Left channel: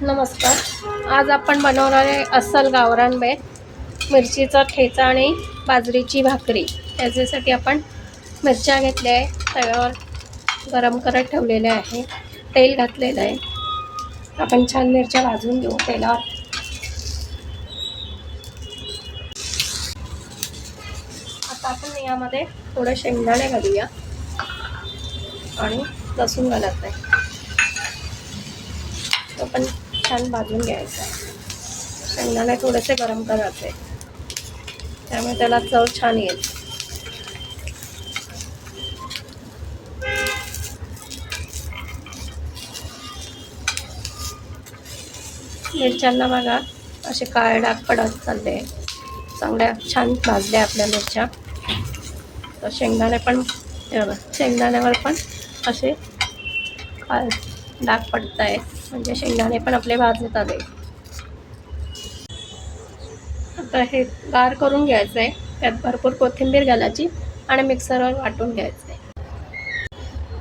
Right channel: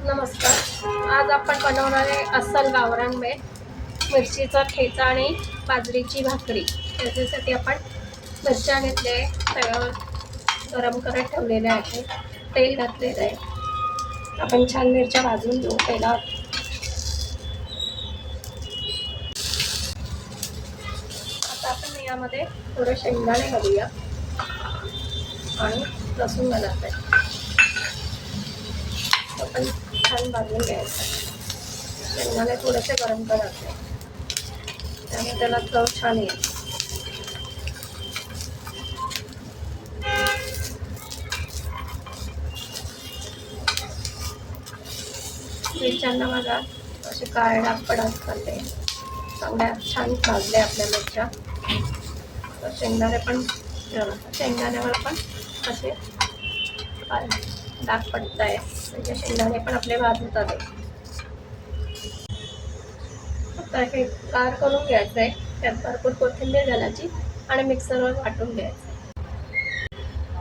नमस्कार. आज आपण बनवणार आहे अस्सल गावरान मिरचीचा ठेचा आणि बाजरीची भाकरी. त्याच्यासाठी आपण मिरच्या घेतल्या आहे, तव्यावर गरम करत ठेवलेल्या आहे, तेल घातलेलं आहे. आपण छान मिरच्या भाजून घेऊ तेलात. आता आपण यामध्ये थोडं शेंगदाणे घालूया आणि लसूण घालत आहे. आपण छान भाजून घ्यायचं. शेंगदाणे थोडेसे गरम करायचे, त्यामुळे त्याला चव छान येईल. मिरच्यांना बघा असे काळे डाग पडत चालले, चांगल्या छान भाजल्या आपल्या मिरच्या. तर शेंगदाणे पण शेंगदाण्यावर पण असे डाग पडत आहे, म्हणजे शेंगदाणे पण आपले भाजत आले. आता हे गार करून घ्यायचं आहे. त्यात भरपूर कोथिंबीर घालायची आणि मिक्सरवर वाटून घ्यायचं आहे.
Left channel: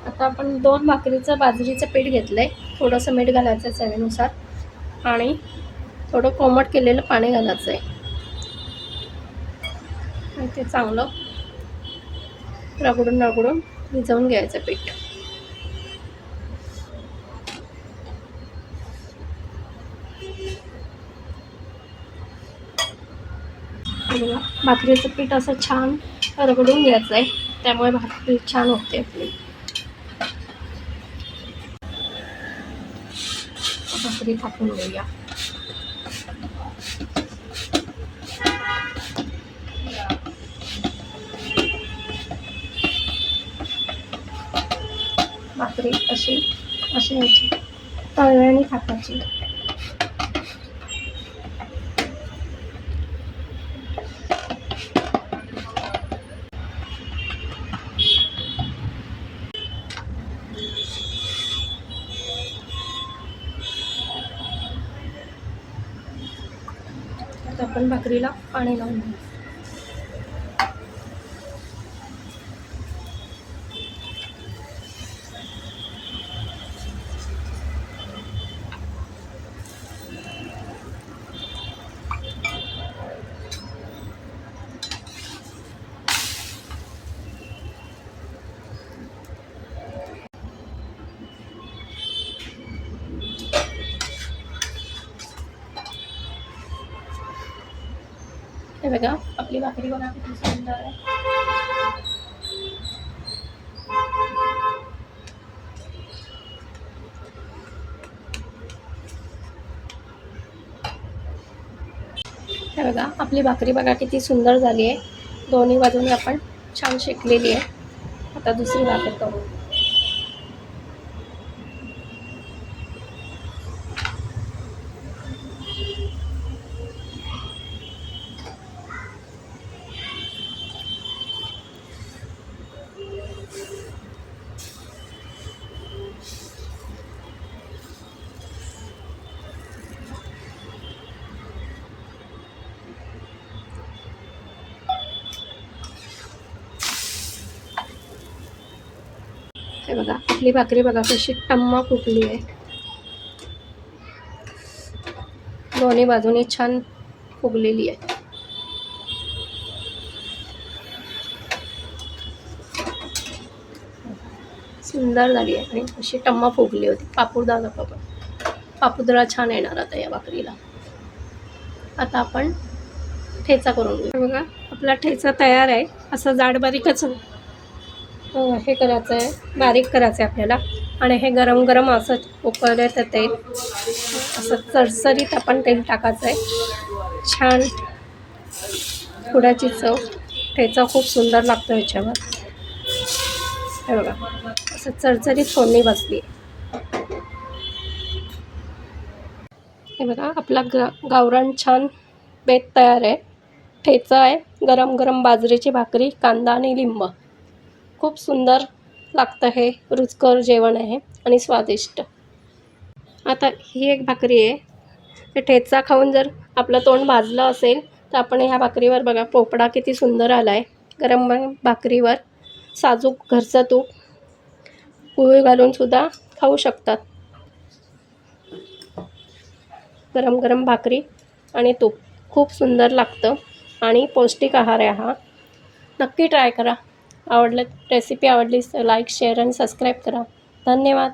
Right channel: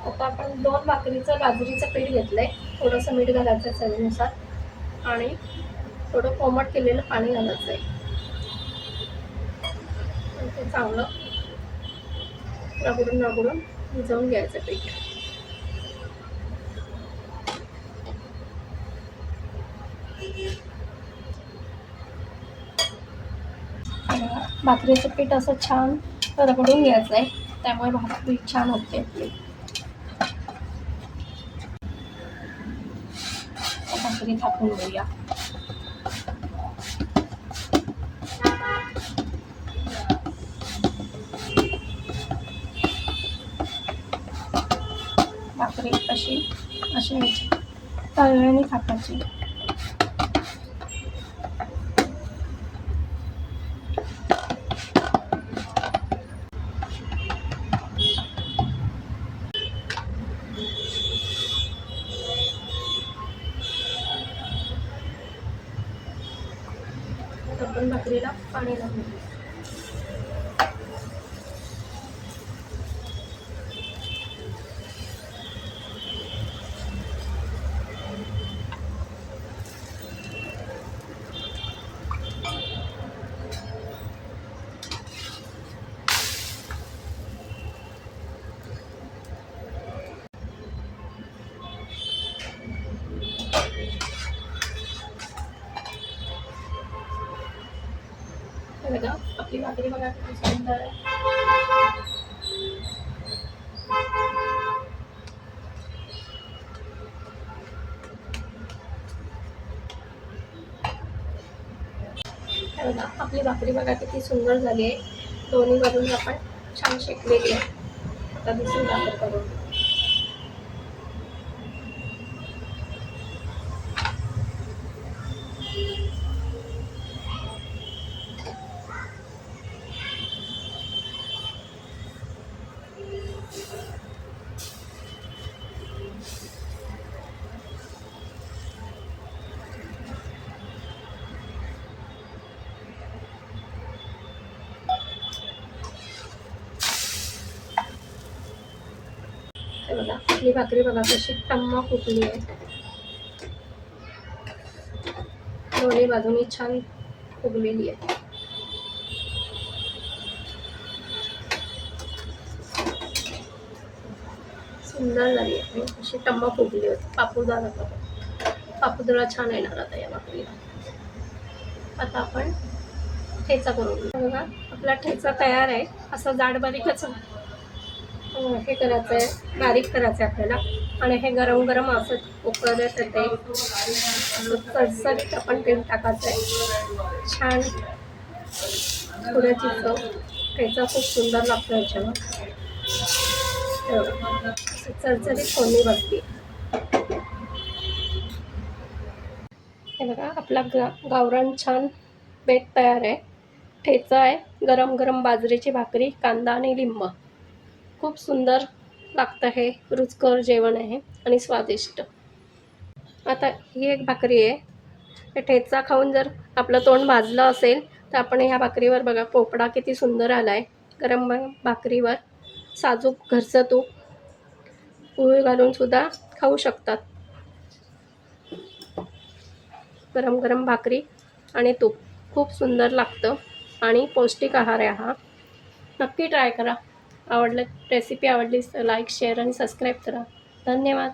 आता आपण 2 भाकरीचं बाजरीचं पीठ घेतलं आहे. थोडंसं मीठ घालायचं चवीनुसार आणि थोडं कोमट केलेलं पाणी घालायचं आहे. आणि ते चांगलं रगडून भिजवून घ्यायचं पीठ. बघा भाकरीचं पीठ असं छान रगडून घ्यायचं आहे, त्यामुळे भाकरी छान होते आपली. भाकरी थापून घेऊया. भाकरी अशी ह्याची तव्याने थापायची. आपण भाकरीला पाणी लावून घेऊ. हे बघा आपली भाकरी बघा किती सुंदर आहे. हे बघा आपली भाकरी बघा किती सुंदर झाली आहे. दोन्ही बाजूने आपण छान शेकलेली आहे. आता दुसरी भाकर करू. हे बघा आपली भाकरी बघा कशी टम्मा फुटली आहे. दोन्ही बाजूने छान फुगलेली आहे. सुंदर झाली आहे आणि अशी टम्मा फुगली होती. पापुद्रा छान येणार आता या भाकरीला. आता आपण ठेचा करून घेऊ. बघा आपला ठेचा तयार आहे. असं जाड बारीकच हे करायचं आहे, बारीक करायचं आहे आपल्याला. आणि हे गरम गरम असं उकळत ते असं चरचरीत आपण तेल टाकायचं आहे. छान थोड्याची चव. ठेचा खूप सुंदर लागतो ह्याच्यावर. हे बघा असं चरचरीत फोडणी बसली. हे बघा आपला गावरान छान बेत तयार आहे. ठेचा आहे, गरम गरम बाजरीची भाकरी, कांदा आणि लिंब. खूप सुंदर लागतं हे. रुचकर जेवण आहे आणि स्वादिष्ट. आता ही एक भाकरी आहे. ते ठेचा खाऊन जर आपलं तोंड भाजलं असेल तर आपण ह्या भाकरीवर बघा पोपडा किती सुंदर आला आहे. गरम गरम भाकरीवर साजूक घरचं तूप पोळी घालून सुद्धा खाऊ शकतात. गरम गरम भाकरी आणि तूप खूप सुंदर लागतं आणि पौष्टिक आहार आहे हा. नक्की ट्राय करा. रेसिपी आवडलीच तर लाईक, शेअर आणि सबस्क्राईब करा. धन्यवाद.